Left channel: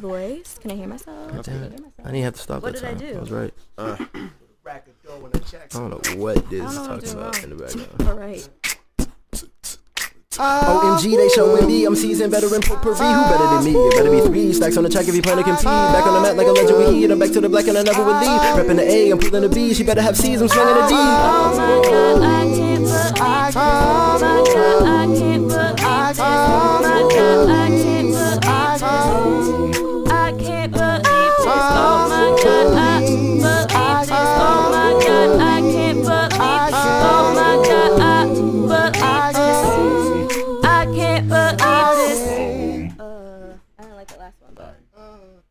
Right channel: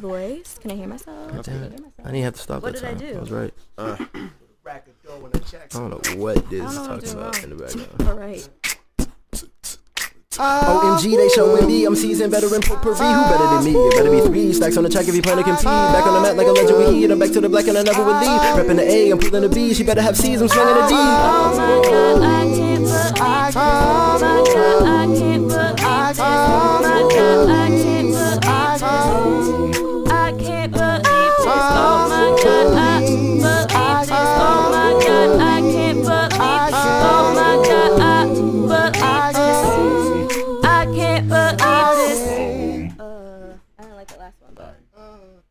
voice. Can I hear myself? God damn it. I didn't have to stop What that did I time. do? I was right. I don't know what this is talking about in the background. All right. OMG, they showing me I'm seasoned veteran potpourri. Who better than me? It better be 3 stacks on the track if you plan to compete. Back on the mat like a legend with heat. I'm back to the black and I never would leave. Repping the A, I'm pulling the B. She better have C's, I'm swinging the D. Oh my God, I can't believe this. Oh my God, I can't believe this. Oh my God, I can't believe this. I can't believe this. Oh my God, I believe this. Oh my God, I can't believe this. Oh my God, I believe this. I can't believe this. I don't like the last one, but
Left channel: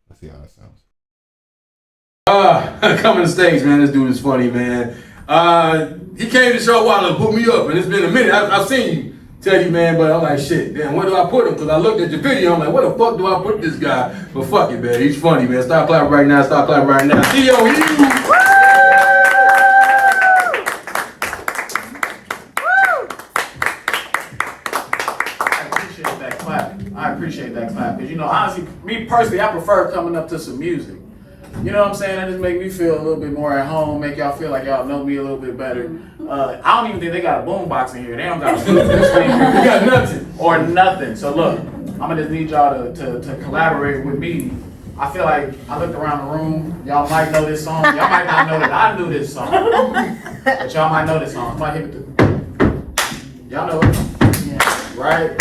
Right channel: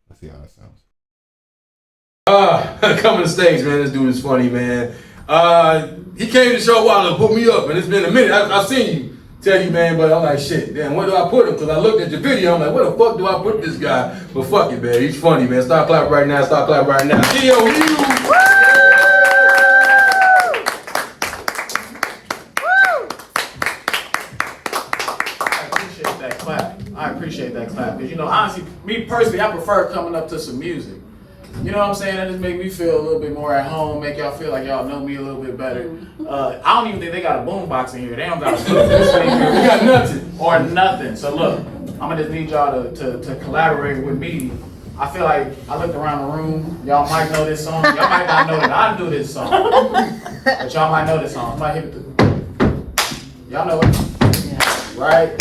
Let's see how that sounds. Coming to stage, man. This dude is funny, man. He came to the show a while ago, put me up, and it's been a minute. I've seen you, Teddy, man, but I'm like, shit, damn, where do I put him? Because I looked at your video, I'm like, where the fuck do I put this guy? But fuck it, man. He's funny, man. Stop clapping right now. Stop clapping right now. Teddy Hughes. I appreciate that clap. Because, you know, honestly, me personally, I prefer coming up to some music. You know what I'm saying? It just make me feel a little bit more at home, make y'all feel like y'all know me a little bit better. I don't even think they got a boombox in here. They don't got a boombox in here. They got nothing. Or nothing. So look, I'm going to just need y'all to collaborate with me. I feel like I looked around the room. Y'all might know this song. Y'all might not know that I knew this song. But y'all might know this song. Might hit y'all know it. Right?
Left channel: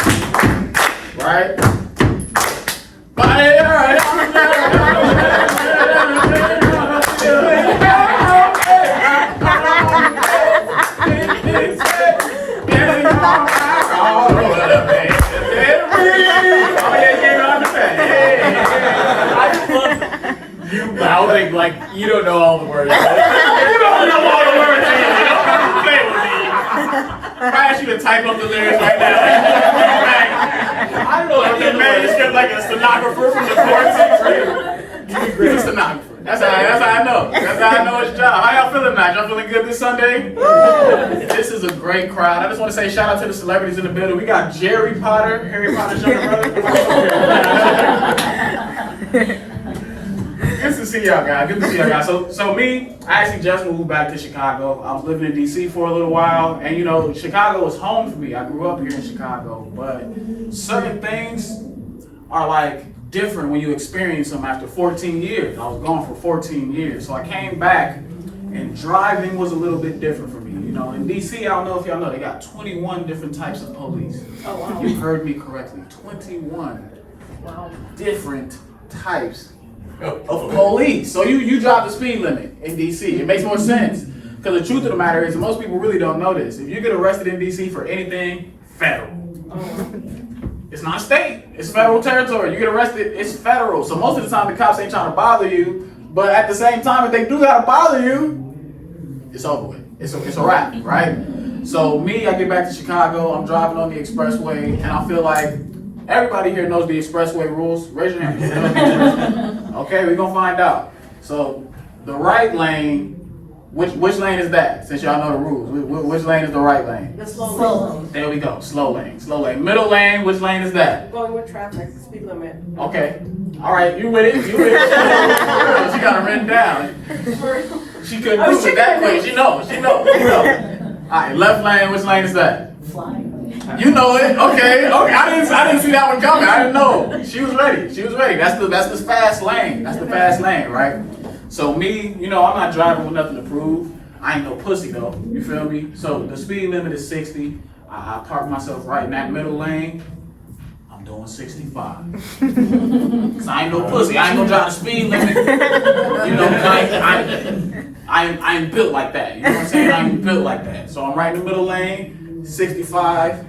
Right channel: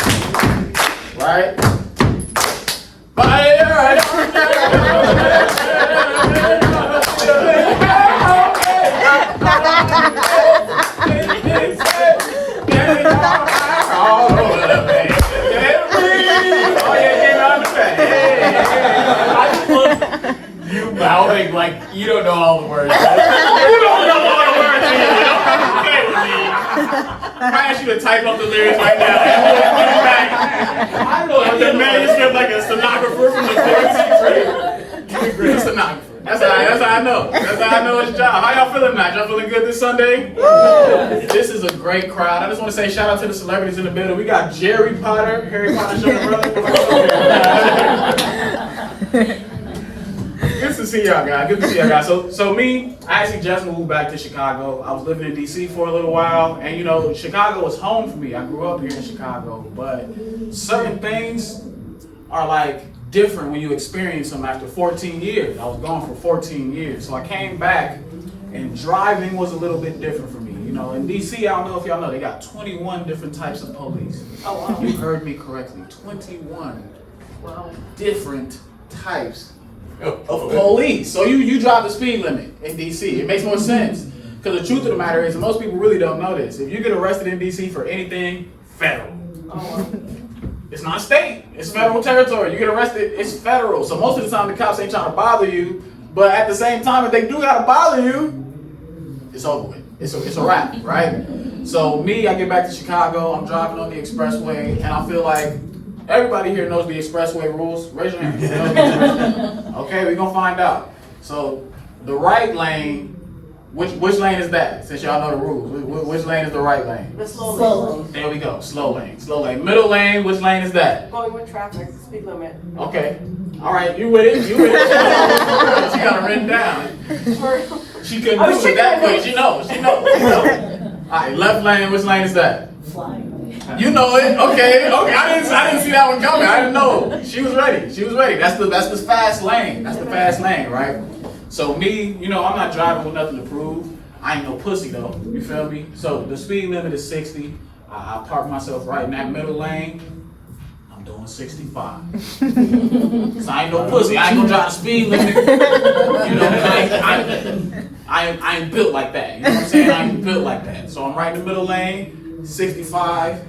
Right? But you mouthing like you don't know all the words. You don't know all the words. You don't have to play with me. I ask you to type up the lyrics right now. I don't know. Like the manuscript, like a stenographer from the court. He's a stenographer. That's how I know. That's how I know his job. How y'all feeling now? Y'all feeling good this Sunday? This is a great crowd. I just want to say shout out to the celebrities in the building. We got Jerry Potter, Harry Potter's younger brother. Good to see y'all guys. Good to see y'all guys. So me, I actually just moved back to Chicago. I was living in DC for a little while, and you know, Chicago was home for me. I grew up here in Chicago, but certain things are like different when you experience them after 14 years. I was gone for 14 years, so I came back, and driving was a little bit different for me. You know, in DC, I don't know if y'all know, they got 21 different types of police. Oh wow! You heard me correctly. 21 different types of police. So you drive the speed limit in DC. It makes more sense. Because the truth of the matter is, most people really don't know this. If you get arrested in DC for anything, federal. Oh, wow. It's not state. It's federal territory. You get arrested, it's federal. So most of the time, the cops ain't trying to bother you. But at the same time, if they do gotta bother you, it's over with. It's a wrap, right? So me, I get back to Chicago. I'm driving on the expressway, and I feel like everybody here knows the expressway rules. Raise your hand. Okay, we're gonna find out. So the right lane, which lane is that? Since y'all know the rules, which lane is the right lane? The slow lane. There we go. Slow lane. Slow lane. Middle lane. Which lane is that? Going with traffic, speed limit. Okay. All right. You with it? You with it? She got it written down. She couldn't do it that way. She knows. She knows. All right. Left lane. Which lane is that? Flying. You know it. Okay. I didn't see that one coming. I didn't know. She was ready. That's the fast lane. That's the fast lane, right? So me, you know, I'm not driving with nothing to prove. I ain't no pussy though. You feel me? So the speed limit is 60. I park myself right in that middle lane. I'm doing 65. Cause I ain't no pussy. I ain't gonna drive the speed limit. You know, I ain't built like that. You know what I'm saying? I ain't built like that. So I'm right in the middle lane, 65,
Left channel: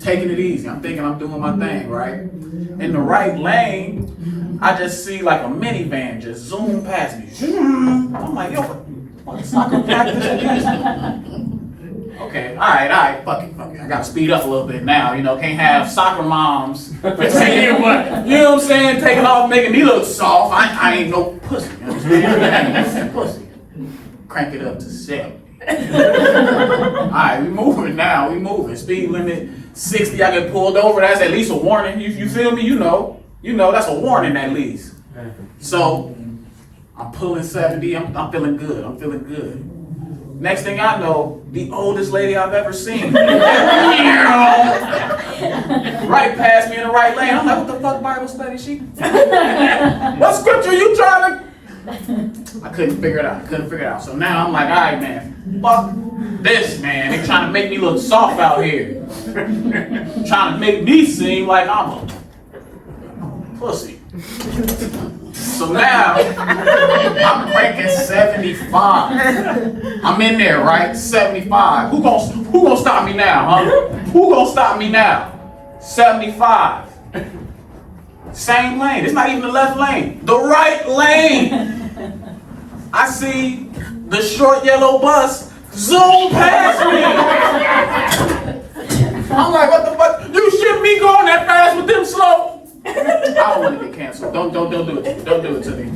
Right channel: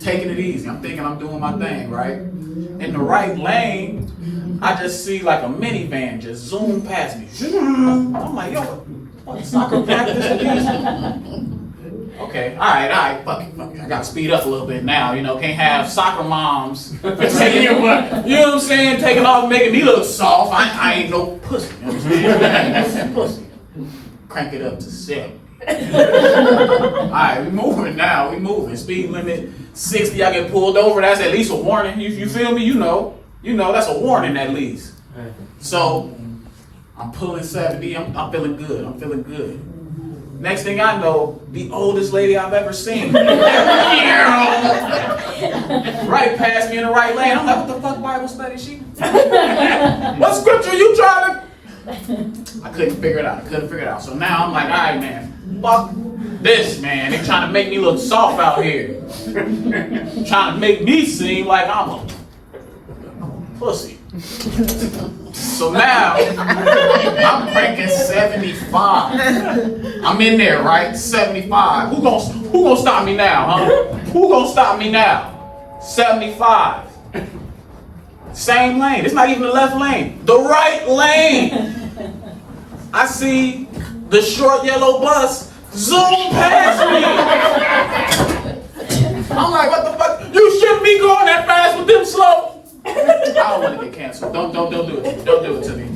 taking it easy. I'm thinking I'm doing my thing, right? In the right lane, I just see like a minivan just zoom past me. I'm like, yo, what soccer practice again? Okay, all right, fuck it. I gotta speed up a little bit now, you know, can't have soccer moms taking what, you know what I'm saying, taking off, making me look soft. I ain't no pussy, you understand? I ain't no pussy. Crank it up to 70. All right, we moving now, Speed limit 60, I get pulled over, that's at least a warning. You feel me? You know. you know, that's a warning at least. So I'm pulling 70. I'm feeling good. I'm feeling good. Next thing I know, the oldest lady I've ever seen. Right past me in the right lane. I'm like, what the fuck Bible study she? What scripture you trying to? I couldn't figure it out. So now I'm like, all right, man, fuck this, man. They trying to make me look soft out here. Trying to make me seem like I'm a pussy. So now, I'm cranking 75. I'm in there, right? 75. Who gonna stop me now, huh? Who gonna stop me now? 75. Same lane. It's not even the left lane. The right lane. I see the short yellow bus zoom past me. I'm like, what the fuck? You shouldn't be going that fast with them slow. I don't want to get canceled. Don't do it. Don't do it to me.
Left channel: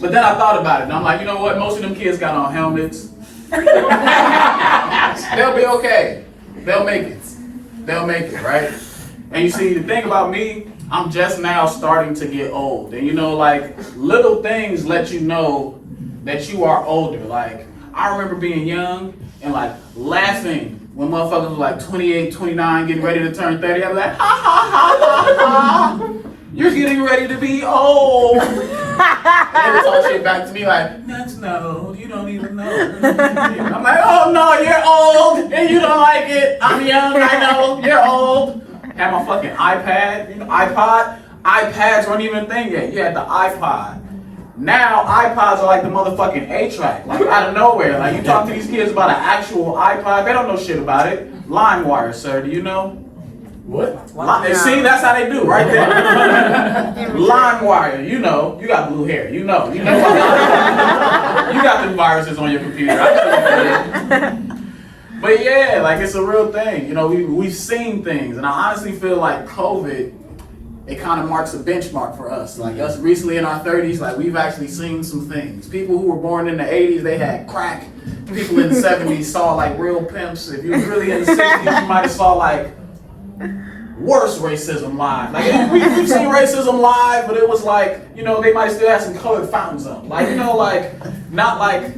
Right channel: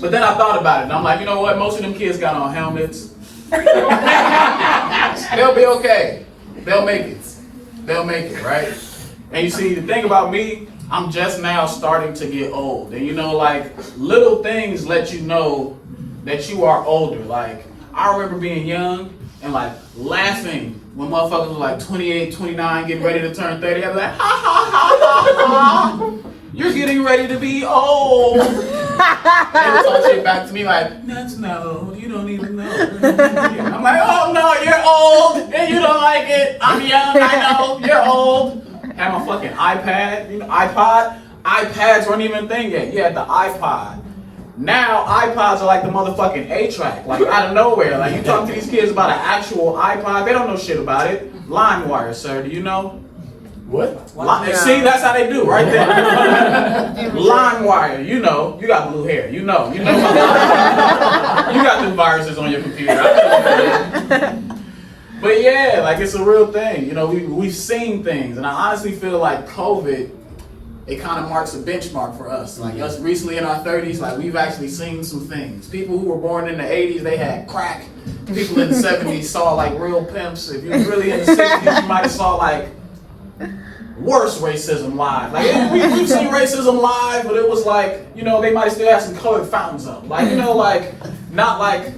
But then I thought about it, and I'm like, you know what? Most of them kids got on helmets. They'll be okay. They'll make it. They'll make it, right? And you see, the thing about me, I'm just now starting to get old. And you know, like, little things let you know that you are older. Like, I remember being young and like laughing when motherfuckers was like 28, 29, getting ready to turn 30. I'd be like, ha ha ha ha ha. You're getting ready to be old. They would talk shit back to me like, that's no, you don't even know. I'm like, oh no, you're old and you don't like it. I'm young, I know, you're old. Had my fucking iPad, you know, iPod. iPads weren't even a thing yet. You had the iPod. Now iPods are like the motherfucking A-track, like out of nowhere. Like you talk to these kids about an actual iPod, they don't know shit about it. LimeWire, sir, do you know? What? See, that's how they do, right there. LimeWire, you know, you got blue hair, you know. You got the viruses on your computer. I know. But yeah, like it's a real thing. You know, we've seen things, and I honestly feel like COVID, it kind of marks a benchmark for us. Like us recently in our 30s, like we've actually seen some things. People who were born in the 80s, they had crack. People in the 70s saw like real pimps. If you was really in the 60s, you might have saw like worse racism live. Like we've seen racism live, but it was like, you know, they might still have some colored fountains up. Like, you know, like not like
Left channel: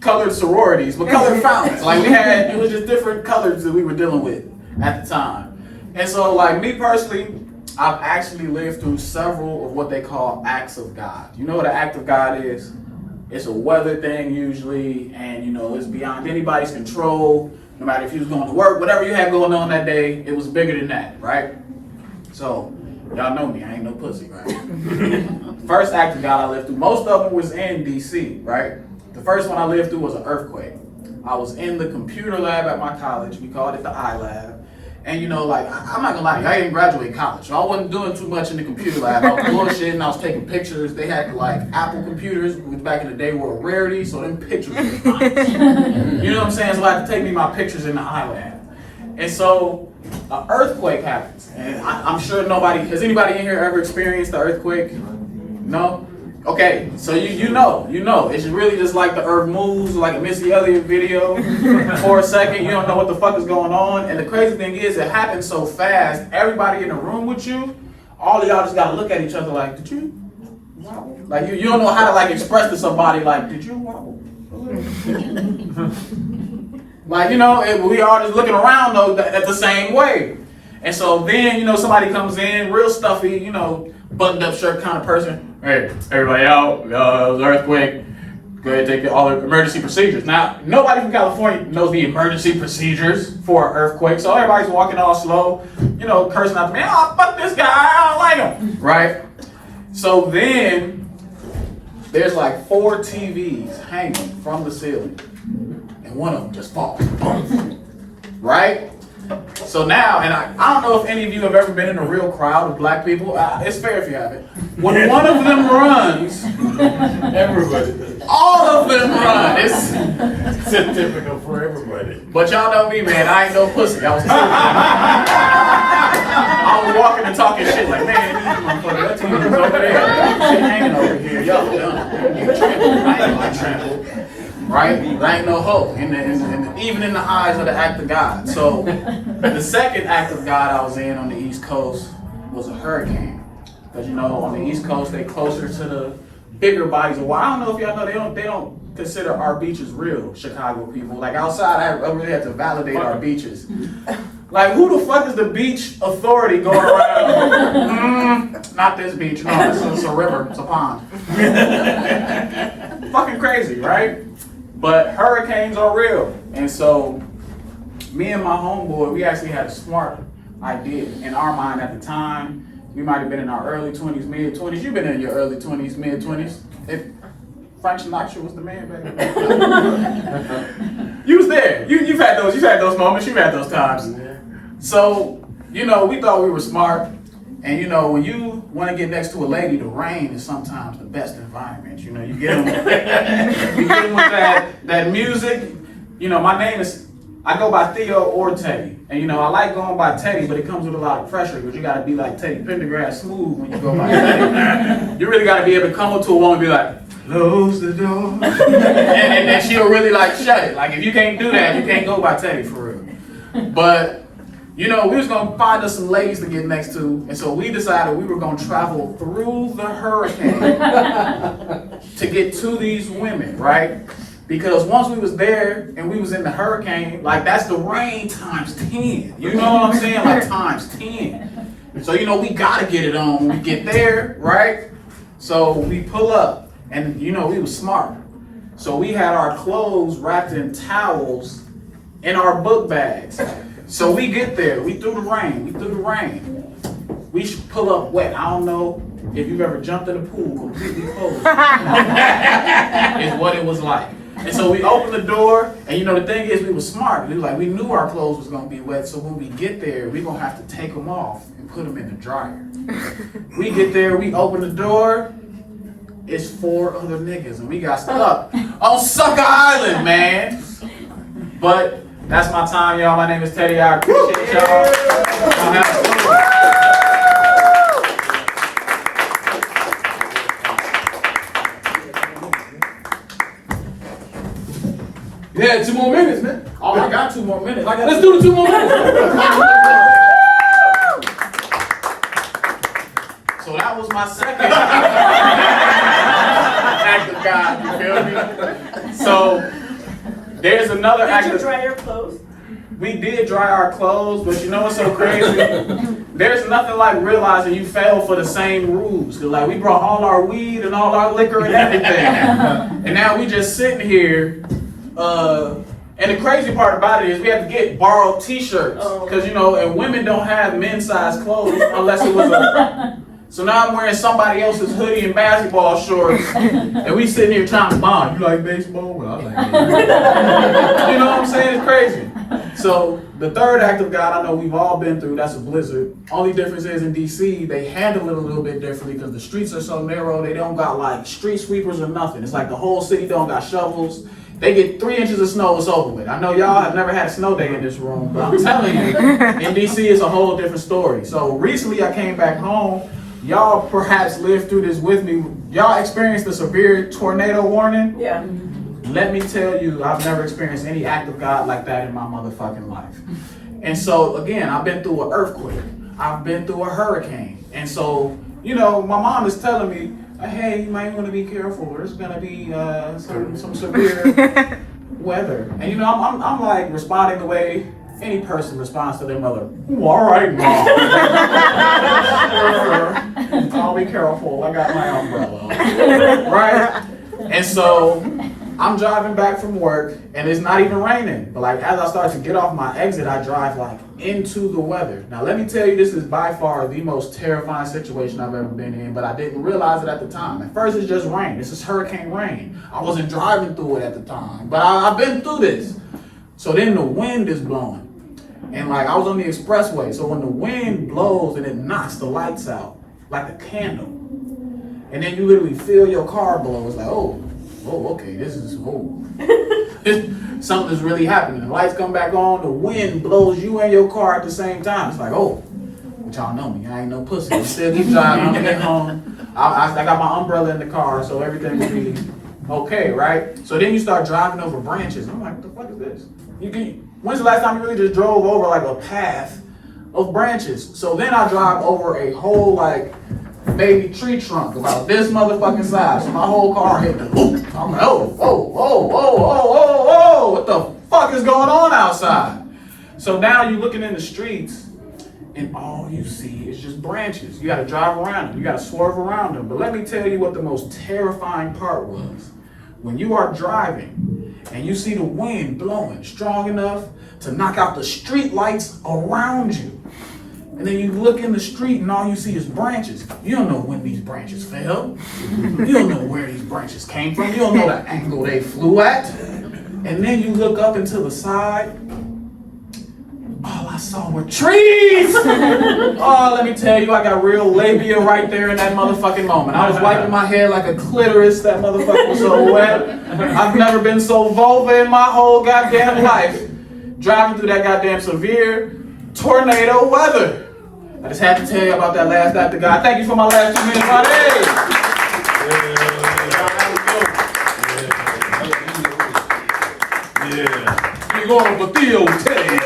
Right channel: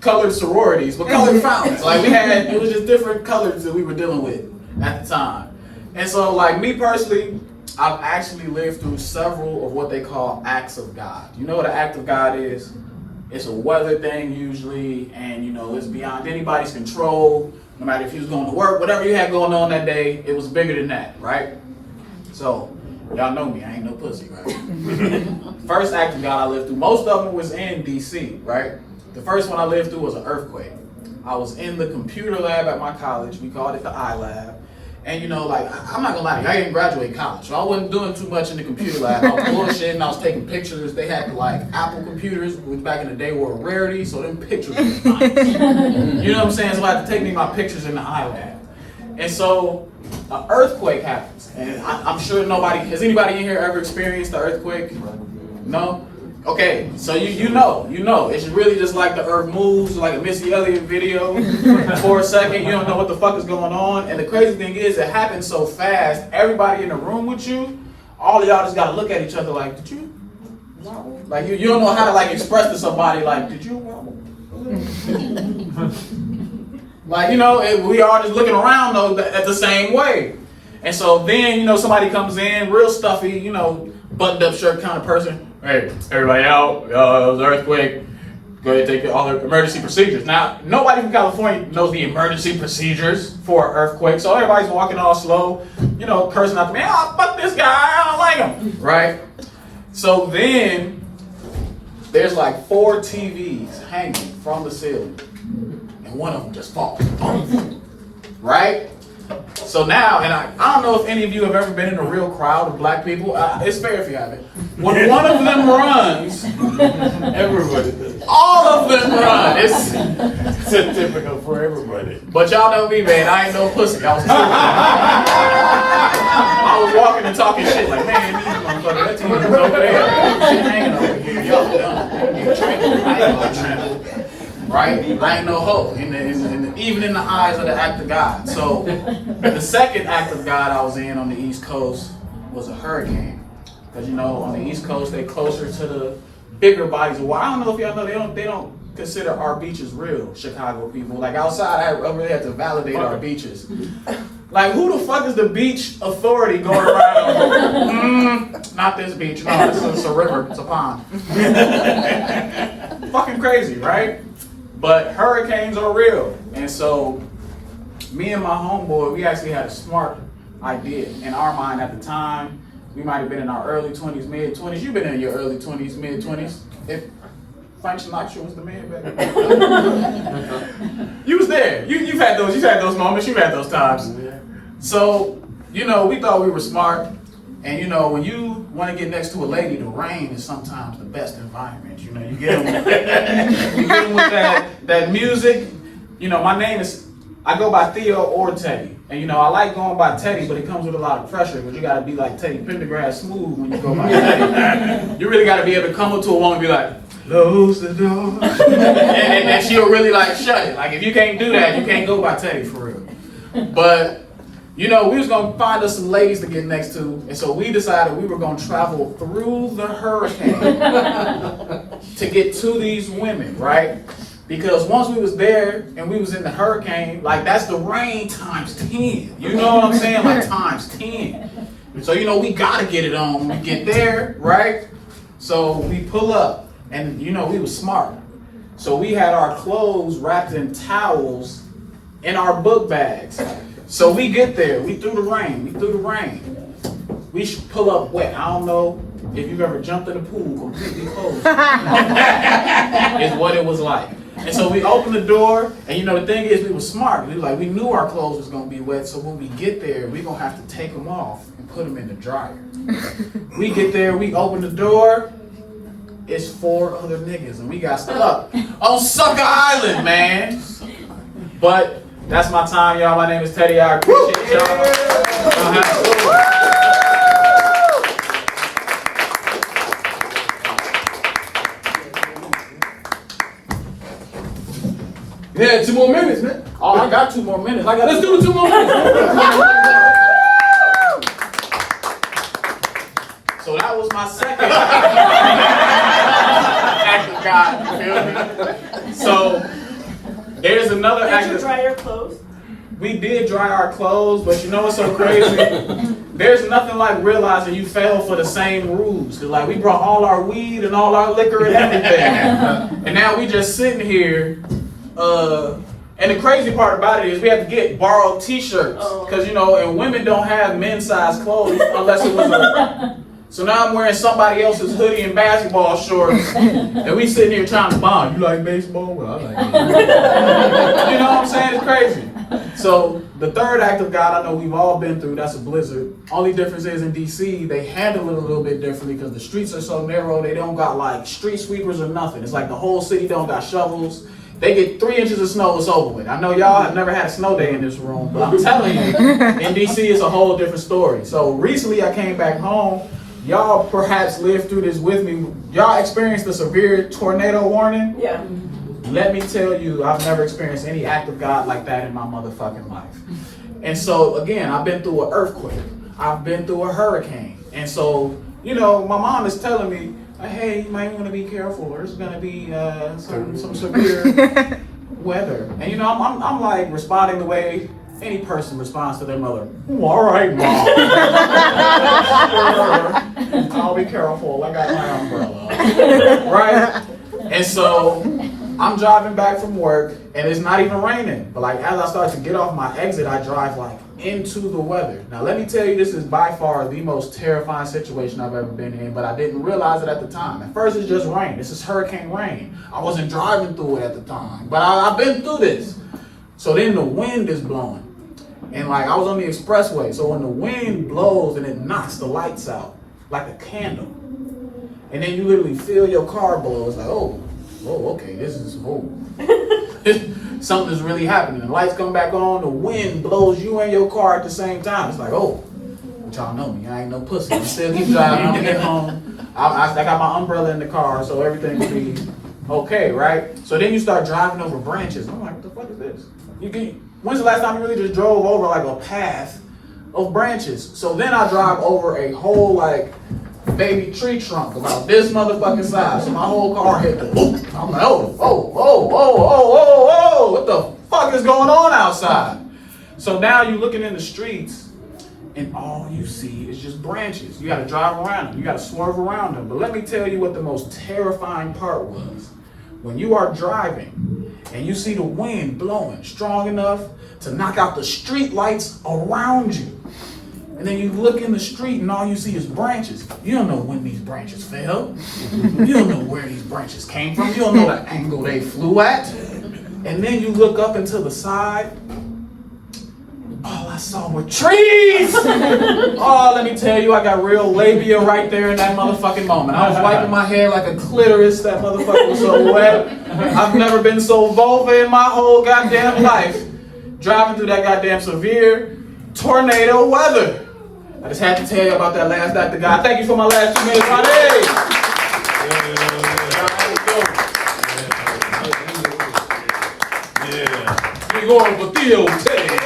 colored sororities, but colored fountains. Like it was just different colors that we were dealing with at the time. And so like me personally, I've actually lived through several of what they call acts of God. You know what an act of God is? It's a weather thing usually, and you know, it's beyond anybody's control. No matter if you was going to work, whatever you had going on that day, it was bigger than that, right? So, y'all know me, I ain't no pussy, right? First act of God I lived through, most of them was in DC, right? The first one I lived through was an earthquake. I was in the computer lab at my college, we called it the iLab. And you know, like, I'm not gonna lie, I didn't graduate college, so I wasn't doing too much in the computer lab. I was bullshitting, I was taking pictures. They had like Apple computers, which back in the day were a rarity, so them pictures were fine. You know what I'm saying? So I had to take me my pictures in the iLab. And so, an earthquake happens. And I'm sure has anybody in here ever experienced the earthquake? No? Okay, so you know, it's really just like the earth moves, like a Missy Elliott video for a second, you don't know what the fuck is going on, and the crazy thing is, it happens so fast, everybody in the room with you, all of y'all just gotta look at each other like, did you wobble? Like, you don't know how to like express to somebody like, did you wobble? Like, you know, we all just looking around though at the same way. And so then, you know, somebody comes in, real stuffy, you know, buttoned up shirt kind of person. Hey, everybody out, it was an earthquake. Go ahead and take all the emergency procedures. Now, nobody from California knows the emergency procedures for an earthquake, so everybody's walking all slow, you know, cursing out the man, oh, fuck this guy, I don't like him, right? So then, there's like 4 TVs hanging from the ceiling, and one of them just falls, boom, right? So now, and I don't know if any of you have ever been in a real crowd of black people. It's fair if you haven't. When one of them runs, everybody, all of them run. It's typical for everybody. But y'all know me, man. I ain't no pussy. I was walking and talking shit like, man, these motherfuckers, that team is over there. Shit hanging over here. Y'all done. You trampled. I ain't no trampled. Right? I ain't no hoe, even in the eyes of the act of God. So, the second act of God I was in on the East Coast was a hurricane. Because, you know, on the East Coast, they closer to the bigger bodies of water. I don't know if y'all know, they don't consider our beaches real, Chicago people. Like outside, I really have to validate our beaches. Like, who the fuck is the beach authority going around? Not this beach. No, it's a river. It's a pond. Fucking crazy, right? But hurricanes are real. And so, me and my homeboy, we actually had a smart idea in our mind at the time. We might have been in our early 20s, mid 20s. You've been in your early 20s, mid 20s. If Frank Sinatra was the man back then. You was there. You've had those moments. You've had those times. So, you know, we thought we were smart. And, you know, when you want to get next to a lady, the rain is sometimes the best environment. You know, you get them, you get them with that music. You know, my name is, I go by Theo or Teddy. And, you know, I like going by Teddy, but it comes with a lot of pressure because you got to be like Teddy Pendergrass smooth when you go by Teddy. You really got to be able to come up to a woman and be like, close the door. and she'll really like shut it. Like, if you can't do that, you can't go by Teddy for real. But, you know, we was going to find us some ladies to get next to. And so we decided we were going to travel through the hurricane to get to these women, right? Because once we was there and we was in the hurricane, like that's the rain times 10. You know what I'm saying? Like times 10. So, you know, we got to get it on when we get there, right? So we pull up and, you know, we was smart. So we had our clothes wrapped in towels in our book bags. So we get there, we through the rain. We should pull up wet. I don't know if you've ever jumped in a pool completely closed. Is what it was like. And so we opened the door, and you know, the thing is, we were smart. We knew our clothes was gonna be wet, so when we get there, we're gonna have to take them off and put them in the dryer. We get there, we open the door, it's 4 other niggas, and we got stuck on Sucker Island, man. But that's my time, y'all. My name is Teddy. I appreciate y'all. Y'all have a good one. Yeah, 2 more minutes, man. Oh, I got 2 more minutes. Let's do the 2 more minutes. So that was my second act of God, you feel me? So there's another act Did you of... dry your clothes? We did dry our clothes, but you know what's so crazy? There's nothing like realizing you fell for the same rules. Cause like we brought all our weed and all our liquor and everything. And now we just sitting here. And the crazy part about it is we have to get borrowed t-shirts. Cause you know, and women don't have men's size clothes unless it was a... So now I'm wearing somebody else's hoodie and basketball shorts, and we sitting here trying to bond. You like baseball? Well, I like baseball. You know what I'm saying? It's crazy. So the third act of God, I know we've all been through. That's a blizzard. Only difference is in DC, they handle it a little bit differently because the streets are so narrow. They don't got like street sweepers or nothing. It's like the whole city don't got shovels. They get 3 inches of snow, it's over with. I know y'all have never had a snow day in this room, but I'm telling you, in DC, it's a whole different story. So recently I came back home. Y'all perhaps lived through this with me. Y'all experienced a severe tornado warning? Yeah. Let me tell you, I've never experienced any act of God like that in my motherfucking life. And so, again, I've been through an earthquake. I've been through a hurricane. And so, you know, my mom is telling me, hey, you might want to be careful. There's going to be some severe weather. And, you know, I'm like responding the way any person responds to their mother. All right, Mom. Sure. I'll be careful. I got my umbrella. Right? And so I'm driving back from work and it's not even raining. But like as I start to get off my exit, I drive like into the weather. Now let me tell you, this is by far the most terrifying situation I've ever been in, but I didn't realize it at the time. At first it's just rain. This is hurricane rain. I wasn't driving through it at the time, but I've been through this. So then the wind is blowing. And like I was on the expressway, so when the wind blows and it knocks the lights out, like a candle, and then you literally feel your car blow, it's like, oh, okay, this is, something's really happening. The lights come back on, the wind blows you and your car at the same time. It's like, oh, but y'all know me, I ain't no pussy. Instead of driving, I'm gonna get home. I got my umbrella in the car, so everything will be okay, right? So then you start driving over branches. I'm like, what the fuck is this? When's the last time you really just drove over like a path of branches? So then I drive over a whole like baby tree trunk about this motherfucking size. So my whole car hit the loop. I'm like, oh, what the fuck is going on outside? So now you're looking in the streets and all you see is just branches. You gotta drive around them, you gotta swerve around them. But let me tell you what the most terrifying part was. When you are driving and you see the wind blowing strong enough to knock out the street lights around you. And then you look in the street and all you see is branches. You don't know when these branches fell. You don't know where these branches came from. You don't know the angle they flew at. And then you look up and to the side. All I saw were trees. Oh, let me tell you, I got real labia right there in that motherfucking moment. I was wiping my hair like a clitoris. That motherfucker was so wet. I've never been so vulva in my whole goddamn life. Driving through that goddamn severe tornado weather. I just had to tell you about that last act of God. Thank you for my last 2 minutes, Ronnie. Yeah. We going for Theo, Teddy.